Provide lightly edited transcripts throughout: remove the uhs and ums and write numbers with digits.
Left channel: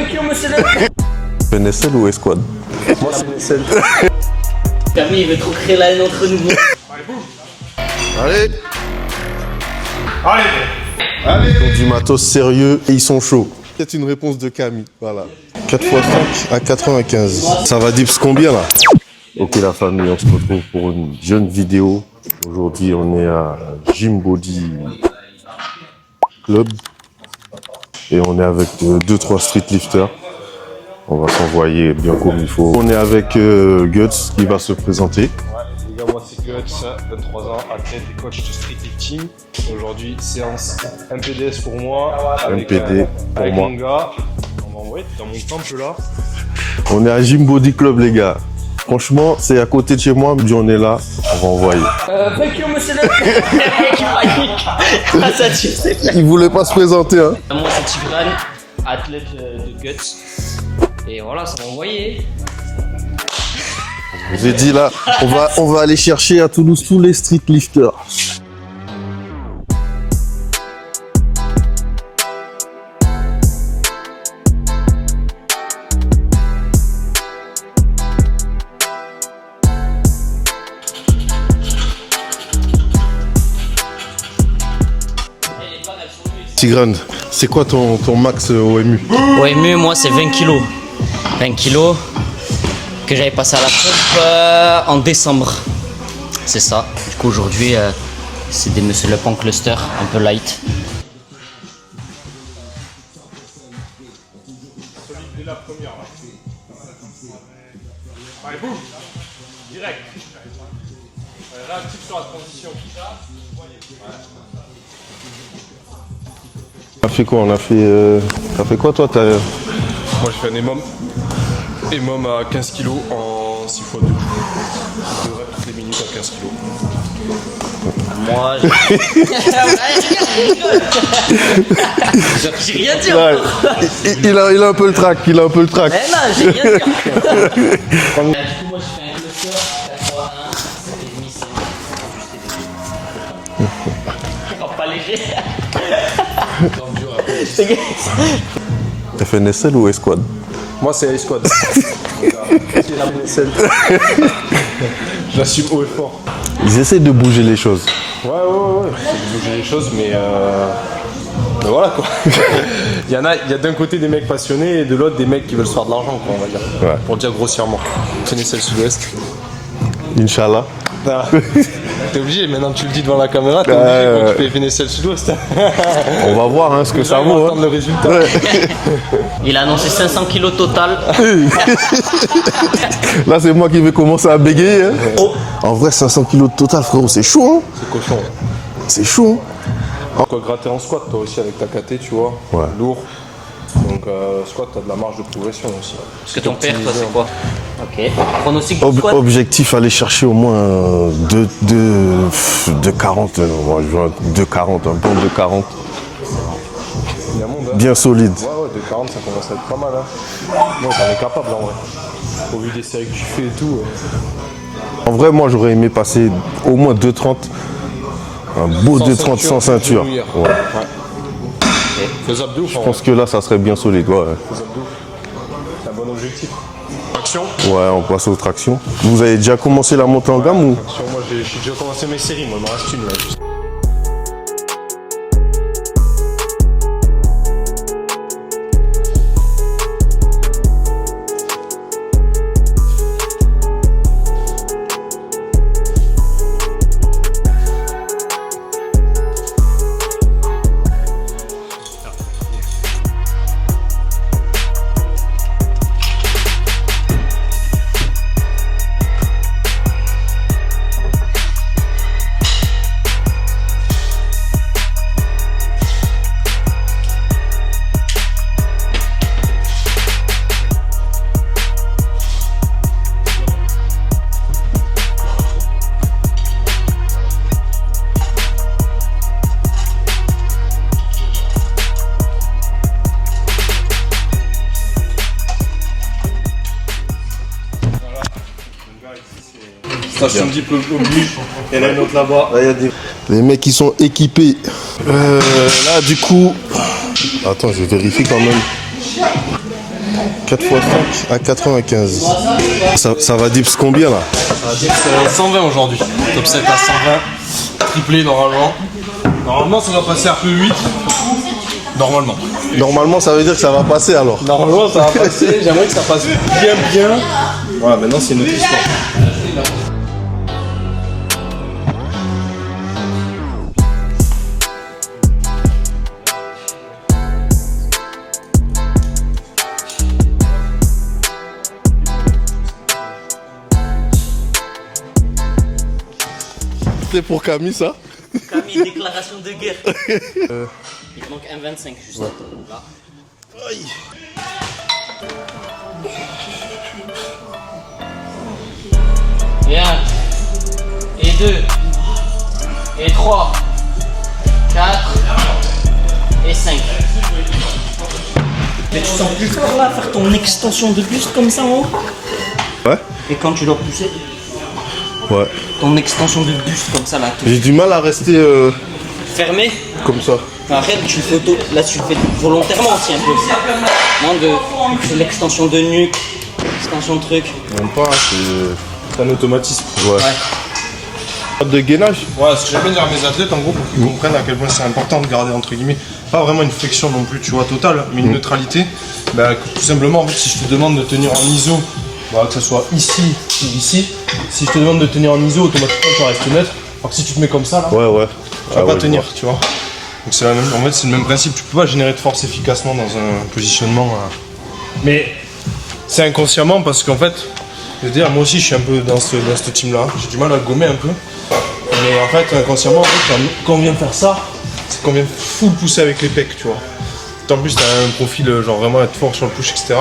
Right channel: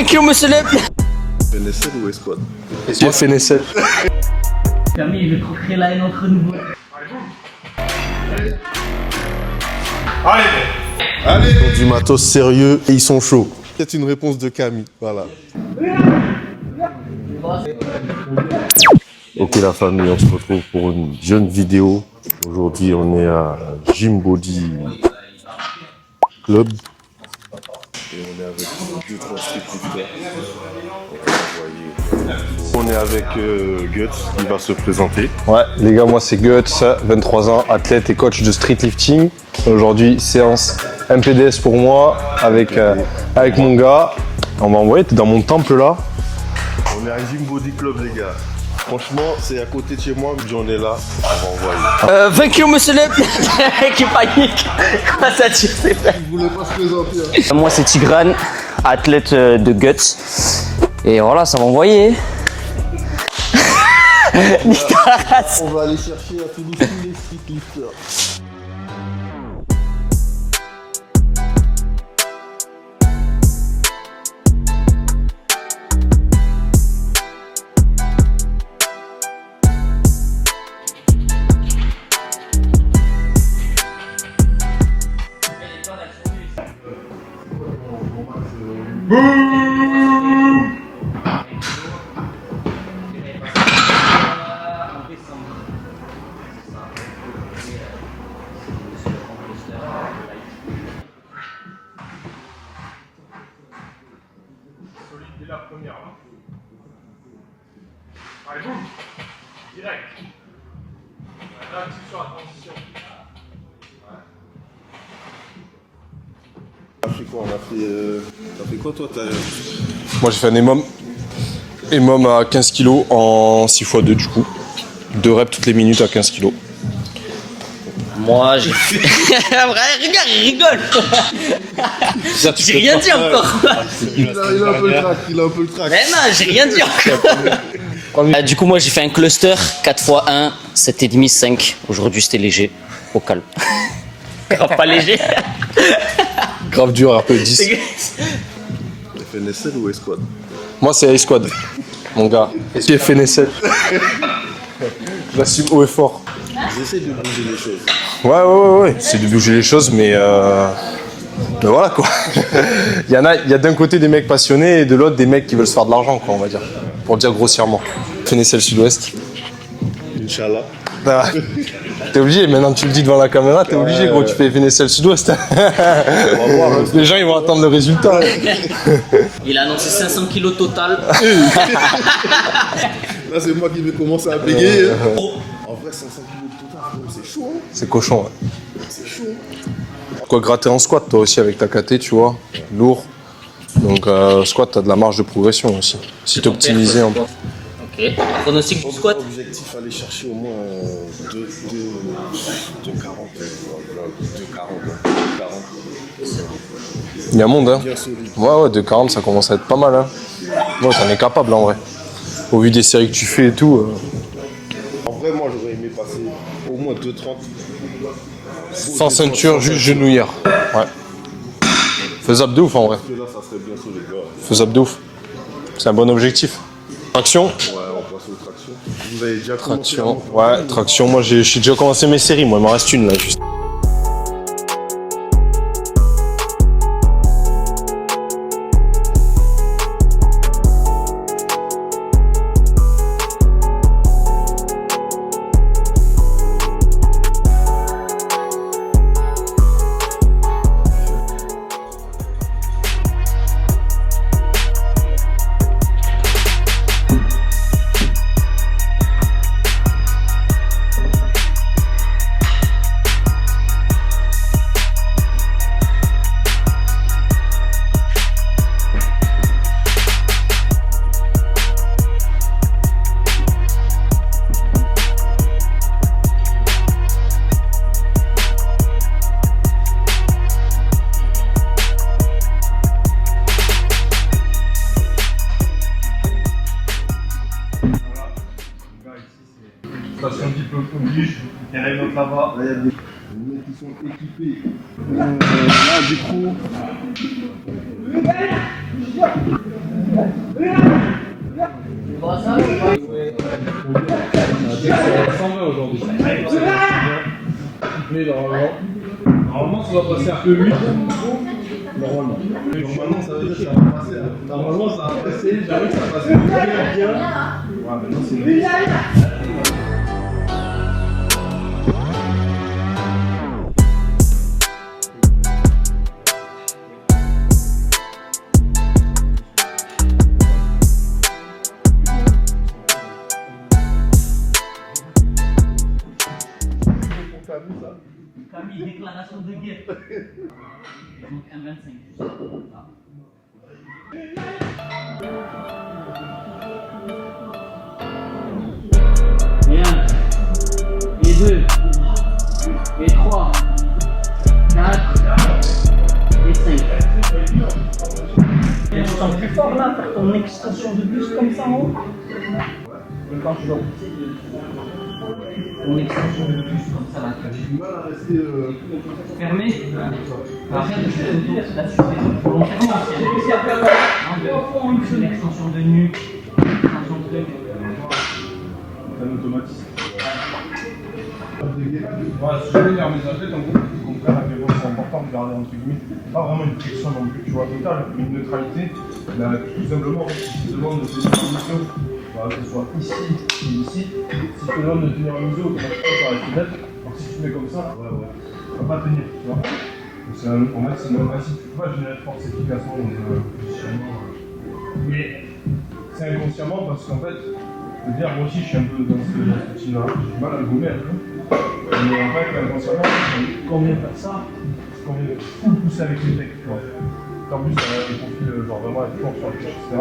Thank you, monsieur le... FNSL ou Esquad? FNSL. Camille, il veut trop créer la haine entre nous. Allez. Allez. Ils ont du matos sérieux et ils sont chauds. C'est une réponse de Camille, voilà. 4 x 5 à 95. Ça va dips combien là? Ok la famille, on se retrouve pour une jeune vidéo. Aujourd'hui on est à Gym Body Club. Et on est avec 2-3 streetlifters. On va s'envoyer bien comme il faut. On est avec Guts qui va se présenter. Ouais, les gars, moi c'est Guts, 23 ans, athlète et coach de streetlifting. Aujourd'hui, séance MPDS pour moi avec mon gars. On va envoyer, t'es dans mon temple là. On est à Gym Body Club les gars. Franchement, c'est à côté de chez moi, mais on est là, on va envoyer. Thank you, monsieur le... Le mec qui panique. Comment ça, tu sais? Il voulait pas se présenter hein. Moi, c'est Tigrane, athlète de Guts. Et voilà, ça va envoyer. J'ai dit là, on va aller chercher à Toulouse tous les streetlifters. Tigrane, c'est quoi ton max OMU? OMU, moi, c'est 20 kilos. 20 kilos que j'avais passé à la pompe en décembre. C'est ça. Du coup, aujourd'hui, c'est des Monsieur Le Pan Cluster, un peu light. On a fait quoi? On a fait... T'as fait quoi toi? Moi j'ai fait un EMOM à 15 kg en 6x2 du coup. 2 reps toutes les minutes à 15 kg. Moi, je rigole. J'ai rien dit encore. Il a un peu le trac, Mais non, j'ai rien dit encore. Du coup, moi, j'ai fait un cluster 4x1, 7,5, 5. Aujourd'hui, c'était léger, au calme. Grave pas léger. Grave dur, après 10. FNSL ou Esquad? Moi c'est Esquad, mon gars. C'est FNSL. La sup haut et fort. Ils essaient de bouger les choses. Ouais. C'est de bouger les choses, mais voilà quoi. il y a d'un côté des mecs passionnés et de l'autre des mecs qui veulent se faire de l'argent, quoi, on va dire. Ouais. Pour dire grossièrement. FNSL Sud-Ouest. Inch'Allah. T'es obligé, maintenant tu le dis devant la caméra, t'es obligé quand tu fais FNSL Sud-Ouest. On va voir hein, ce que Les gens ça ils vont vaut. attendre le résultat. Il a annoncé 500 kilos total. Là c'est moi qui vais commencer à bégayer. Hein. Oh. En vrai 500 kilos de total frérot, c'est chaud hein. C'est cochon. C'est chaud hein. Quoi gratter en squat toi aussi avec ta KT, tu vois. Ouais. Lourd. Donc squat, t'as de la marge de progression aussi. Si t'es optimisé en... Ok. Pronostic pour squat. Objectif aller chercher au moins 2,40. Moi je vois 2,40, un plan de 40. Il y a un monde, hein. Bien solide. Ouais, de 40, ça commence à être pas mal, hein. Moi, t'en es capable, en vrai. Au vu des séries que tu fais et tout. En vrai moi j'aurais aimé passer au moins 2,30. Un beau Sans 2,30 ceinture, sans juste ceinture. genouillère. Ouais. Faisable de ouf, en Je vrai. pense que là ça serait bien solide. Ouais. Faisable de ouf. C'est un bon objectif. Traction. Ouais, on passe aux tractions. Vous avez déjà commencé la montée en Ouais, gamme ou... traction, moi j'ai déjà commencé mes séries, moi il m'en reste une là juste. Station de diplôme oblige. Et là, une autre là-bas. Les mecs qui sont équipés. Là, du coup... Attends, je vérifie quand même. 4 x 5 à 95. Ça va dips combien là? 120 aujourd'hui. Top 7 à 120. Triplé normalement. Normalement, ça va passer à peu 8. Normalement. Normalement, ça veut dire que ça va passer alors. Normalement, ça va passer. J'aimerais que ça passe bien. Voilà, maintenant, c'est une autre histoire. C'est pour Camille ça? Camille, déclaration de guerre. Il te manque un 25 juste là. Aïe. Et 1, et 2, et 3, 4, et 5. Mais tu sens plus fort là, faire ton extension de buste comme ça en haut. Ouais. Et quand tu dois pousser, Ouais. ton extension de buste comme ça là. J'ai du mal à rester Fermé. comme ça. Après, tu le fais là tu le fais volontairement aussi un peu. Non, c'est l'extension de nuque, l'extension de truc. Non pas, C'est un automatisme. Ouais. De gainage. Ouais, ce que j'aime dire à mes athlètes, en gros, pour qu'ils comprennent à quel point c'est important de garder, entre guillemets, pas vraiment une flexion non plus, tu vois, totale, mais une neutralité. Bah, tout simplement, en fait, si je te demande de tenir en ISO, bah, que ce soit ici ou ici, si je te demande de tenir en ISO, automatiquement, tu restes neutre. Alors que si tu te mets comme ça, là, Ouais. tu vas pas tenir, tu vois. Donc c'est en fait, c'est le même principe. Tu peux pas générer de force efficacement dans un positionnement. Mais c'est inconsciemment parce qu'en fait, je veux dire, moi aussi, je suis un peu dans ce team-là. J'ai du mal à le gommer un peu. Mais en fait, inconsciemment, quand on vient faire ça, c'est qu'on vient full pousser avec les pecs, tu vois. En plus, t'as un profil genre vraiment être fort sur le push, etc.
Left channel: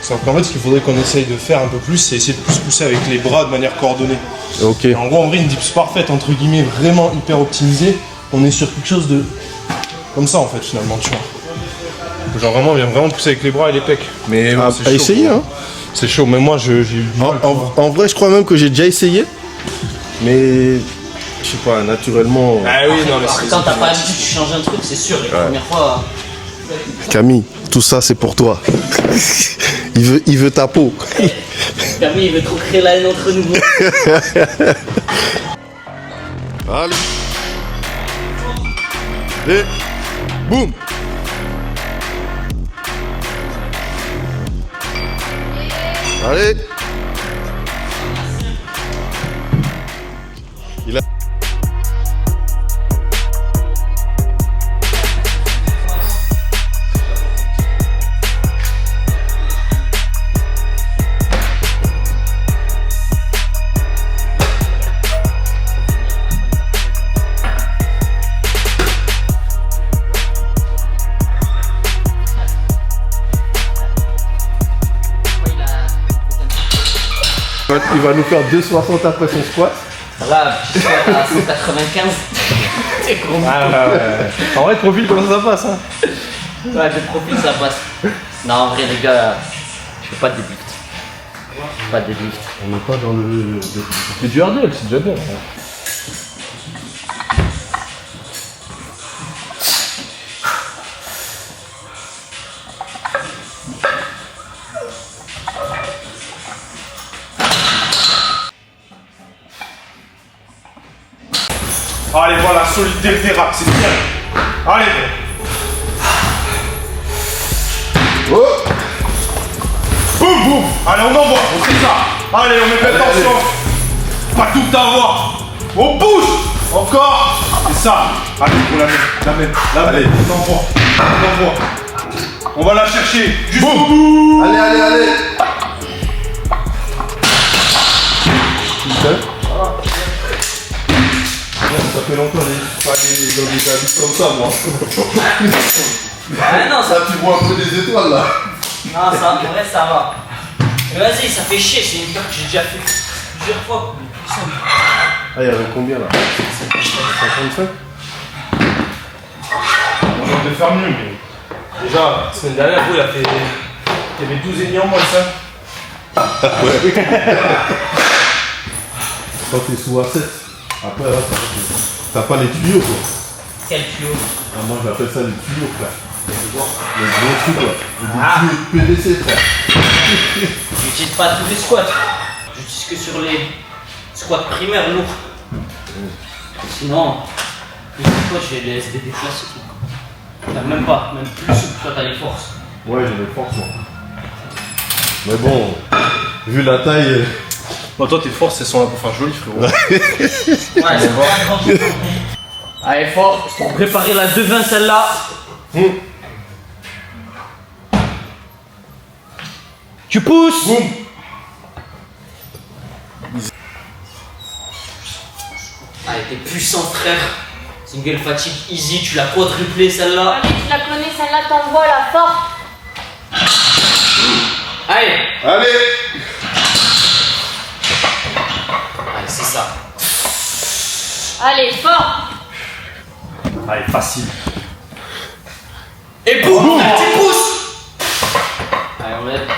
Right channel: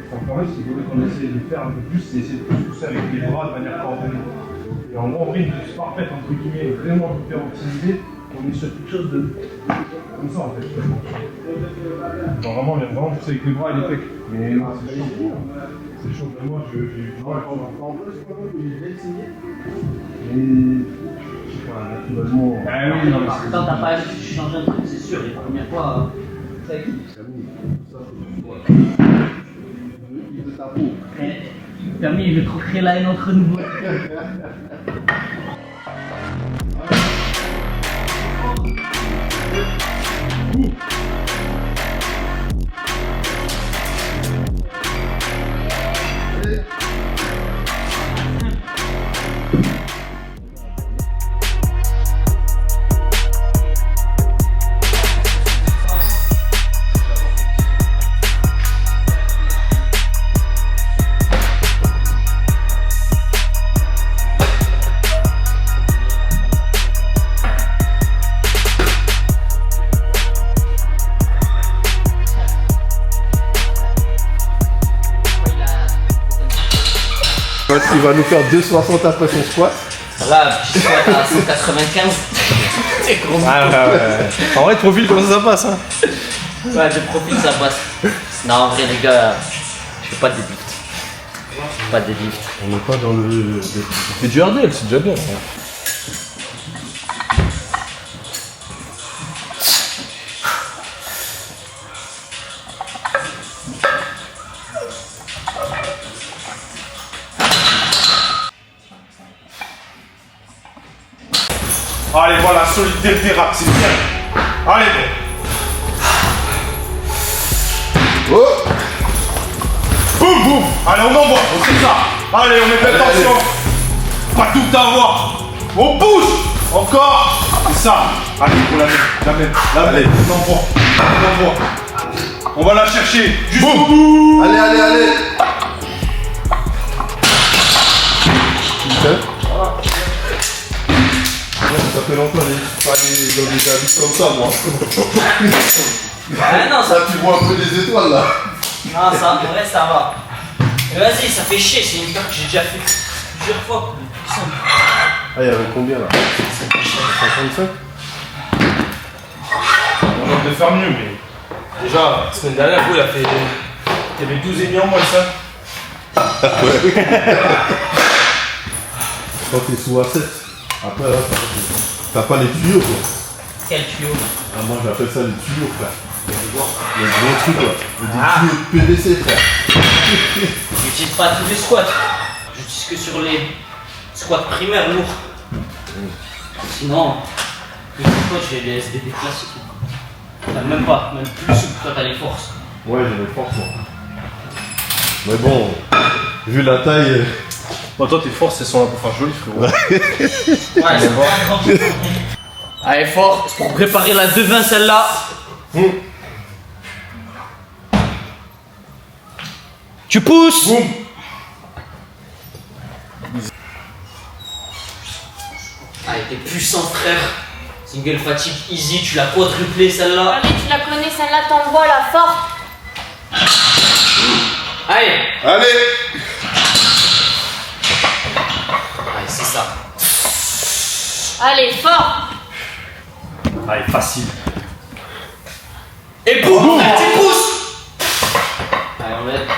Sauf qu'en fait, ce qu'il faudrait qu'on essaye de faire un peu plus, c'est essayer de plus pousser avec les bras de manière coordonnée. Ok. Et en gros, en vrai, une dips parfaite, entre guillemets, vraiment hyper optimisée, on est sur quelque chose de comme ça en fait, finalement, tu vois. Genre vraiment, on vient vraiment pousser avec les bras et les pecs. Mais bon, c'est À chaud, essayer, quoi. hein. C'est chaud, mais moi j'ai eu du mal. En vrai, je crois même que j'ai déjà essayé. Mais je sais pas, naturellement. Ah oui, non, mais c'est. Quand t'as pas l'habitude, tu changes un truc, c'est sûr. Les premières fois. Camille, tout ça c'est pour toi. il veut ta peau. Camille, il veut trop créer la haine entre nous. Allez. Et boum. Allez. Il a... Il va nous faire 2,60 après son squat. Là, tu squat à 195. C'est con. En vrai, profil, comment ça passe, hein. Ouais, de profil, ça passe. Non, en vrai, les gars, je fais pas de deadlift. Je fais pas de deadlift. On n'est pas dans le. C'est du RDL, c'est déjà bien. Allez, voilà, solidité des rap, c'est bien. Allez, bon. Oh. Boum, boum. Allez, on envoie, on fait ça. Allez, on met de l'attention. Pas tout avoir. On pousse. Encore. C'est ça. Allez, pour la même. Allez, on envoie. On va la chercher jusqu'au bout. Allez. Ça fait longtemps que je pas dans des habits comme ça, moi. Ah non, ça. Là, tu vois un peu des étoiles, là. Non, ça, en vrai, ça va. Mais vas-y, ça fait chier, c'est une peur que j'ai déjà fait plusieurs fois. Plus simple. Ah, il y avait combien, là? 55? On va de faire mieux, mais déjà, la semaine dernière, il y avait 12 et en moins ça. Ouais. Quand t'es sous A7, après, là, t'as pas les tuyaux, quoi. Quel tuyau? Ah, moi, j'appelle ça les tuyaux, frère. Les gros trucs, là. Les tuyaux de PVC, frère. J'utilise pas tous les squats. J'utilise que sur les squats primaires lourds. Sinon, les squats, je fais des SBD classiques. Enfin, même pas, même plus souple, toi t'as les forces. Ouais, j'ai les forces, moi. Mais bon, vu la taille. Bon, toi, tes forces, elles sont un peu enfin, jolies, frérot. Ouais, c'est pas grand chose. Allez, fort, pour préparer la 2-20 celle-là. Tu pousses. Boum. Allez, t'es puissant, frère. Single fatigue easy, tu l'as quadruplé celle-là. Allez, tu la connais, celle-là, t'envoies la force. Allez. Allez. Allez, c'est ça. Allez, fort. Allez, facile. Et boum, frère, tu pousses. Allez, on va être.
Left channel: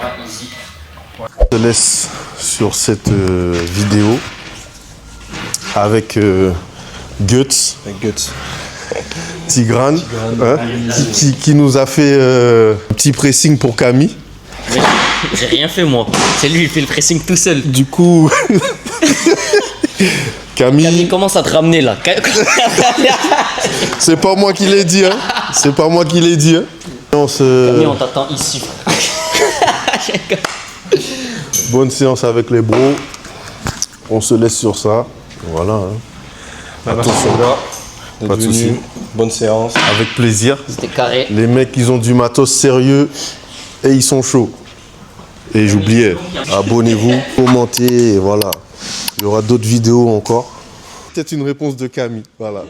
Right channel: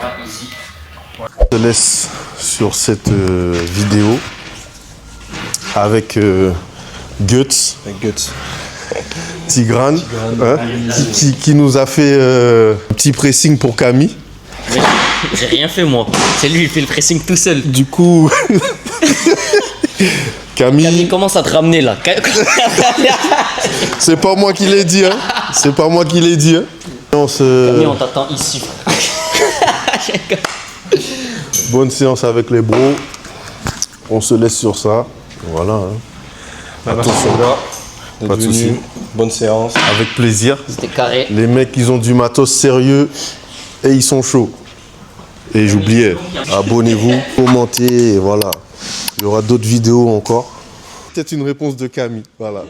Voilà, easy. Je te laisse sur cette vidéo avec Guts, Tigran, hein, qui nous a fait un petit pressing pour Camille. J'ai rien fait moi. C'est lui, il fait le pressing tout seul. Du coup, Camille Camille, commence à te ramener là. c'est pas moi qui l'ai dit, hein. C'est pas moi qui l'ai dit, hein. Camille, on t'attend ici. Bonne séance avec les bros. On se laisse sur ça. Voilà. Hein. Attention, gars. Pas de soucis. Bonne séance. Avec plaisir. C'était carré. Les mecs, ils ont du matos sérieux et ils sont chauds. Et j'oubliais, abonnez-vous, commentez, et voilà. Il y aura d'autres vidéos encore. Peut-être une réponse de Camille, voilà.